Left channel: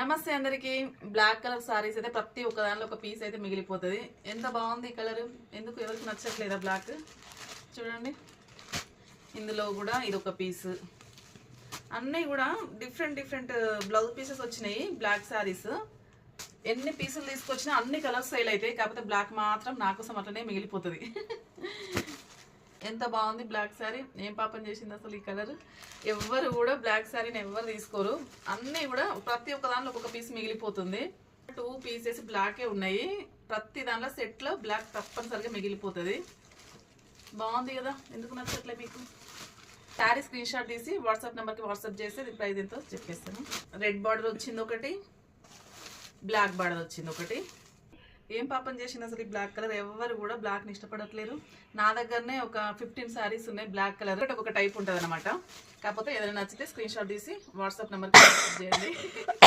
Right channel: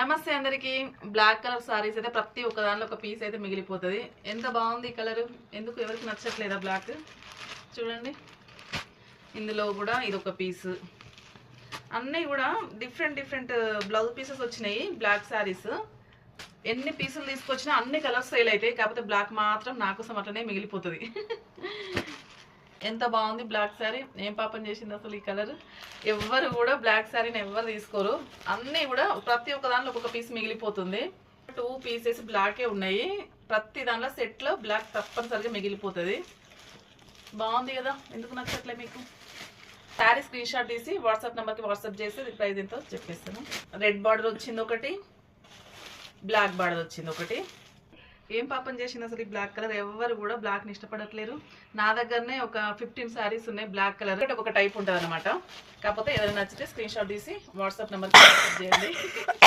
నమస్తే అందరికి. Black colour saris అయితే ప్రతి ఒక్క దానిలో ఒక పీస్ అయితే మిగిలిపోతుంది. ఎంత బాగుంది ఈ కలర్, ఎందుకు ఎవరికి నచ్చట్లేదా బ్లాక్? చూడండి, ఇందులో కూడా ఇది ఒక పీస్. అన్నీ కూడా డిఫరెంట్ డిఫరెంట్ బ్లౌజ్ పీసెస్ వచ్చినాయి. బ్లాక్ సారీస్ ఎన్ని పీసులు తీసుకొచ్చినా అన్ని కలర్స్ సేల్ అవుతాయి, కాకపోతే బ్లాక్ మాత్రం నా కోసం అట్లనే మిగిలిపోతుంది. ఎంత బాగుంది బ్లాక్ శారీ. ఏం పాపం చేసింది అసలు ఈ కలర్. ఎవ్వరు కూడా బ్లాక్ శారీని ఎవరు తీసుకోరు. అన్నీ కూడా ప్రతి ఒక్క దాంట్లో ఒక్కొక్క పీస్ మిగిలిపోతుంది. 2 పీసెస్ బ్లాకే ఉన్నాయి. ప్రతి దాంట్లో సెట్లో బ్లాక్ తప్పనిసరిగా మిగిలిపోతుంది. బాగుంది కదా, ఎందుకు నచ్చట్లే మీకు? శారీ స్క్రీన్ షాట్ తీసి వాట్సాప్ నెంబర్కి వాట్సాప్ చేస్తే ప్రైస్ ఎంతో చెప్పేస్తాను. రెడ్ బార్డర్ వచ్చింది ఒకటి, బ్లాక్ బార్డర్ వచ్చింది ఒకటి. ఏం పాపం చేసింది అసలు ఈ బ్లాక్ కలర్. ఎవరు కూడా బ్లాక్ని ఇష్టపడట్లేరు. నా దగ్గరనే ఒక 15 శారీస్ ఉన్నాయి బ్లాక్ కలర్. ఒక టైప్ ఉంటుంది అనమాట. కాకపోతే ఏదైనా నచ్చితే స్క్రీన్ షాట్ తీసి వాట్సాప్ నెంబర్కి వాట్సాప్ చేయండి.